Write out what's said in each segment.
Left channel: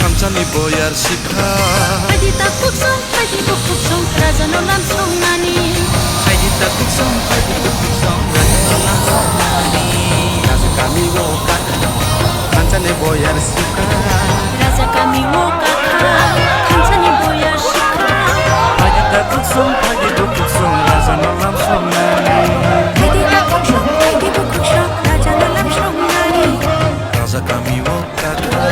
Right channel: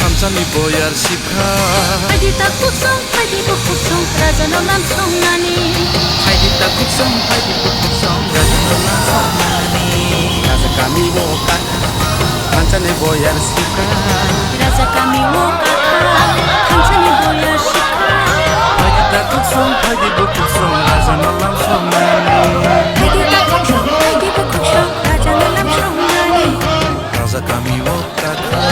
Kamchani boyar shipha Haidi ta kuksong, haidi bu kuksong, raja no lam song nani. Haidi ta kuksong, haidi bu kuksong, raja no lam song nani. Raja kami wo kaka Kamchani boyar shipha Raja kami wo kaka, kamchani boyar shipha. Haidi ta kuksong, haidi bu kuksong, raja no lam song nani. Haidi ta kuksong, haidi bu kuksong, raja no lam song nani. Raja kami wo kaka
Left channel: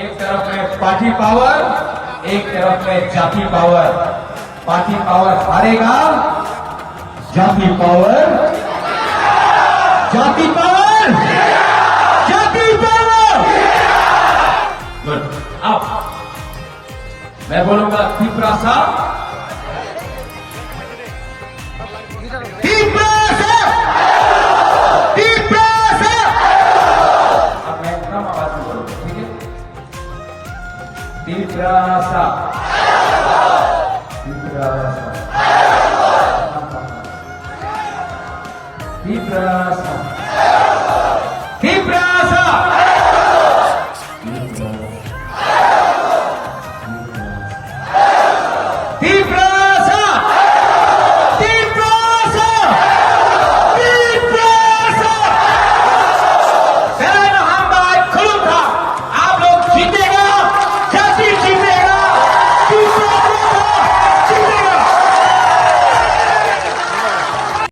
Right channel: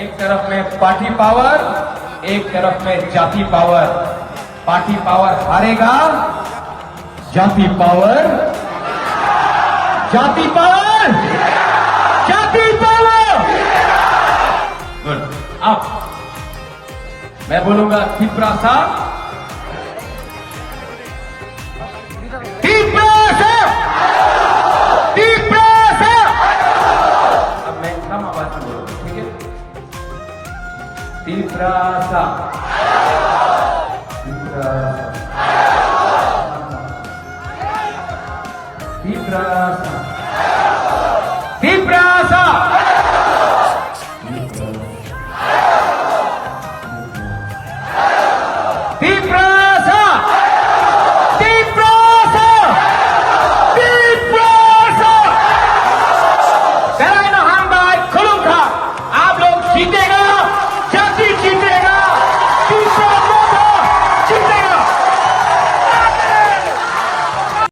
एक तरफ में party power, एक तरफ में जाति power. Party power हारेगा, जाति power, जाति पावर, जाति पावर। अब मैं बोलूंगा त्रिपुरा सा, Tiprasa, Tiprasa, Tiprasa, Tiprasa, Tiprasa, Tiprasa. चलाना हम बात खुलूं था, आप लोग जीतेगा।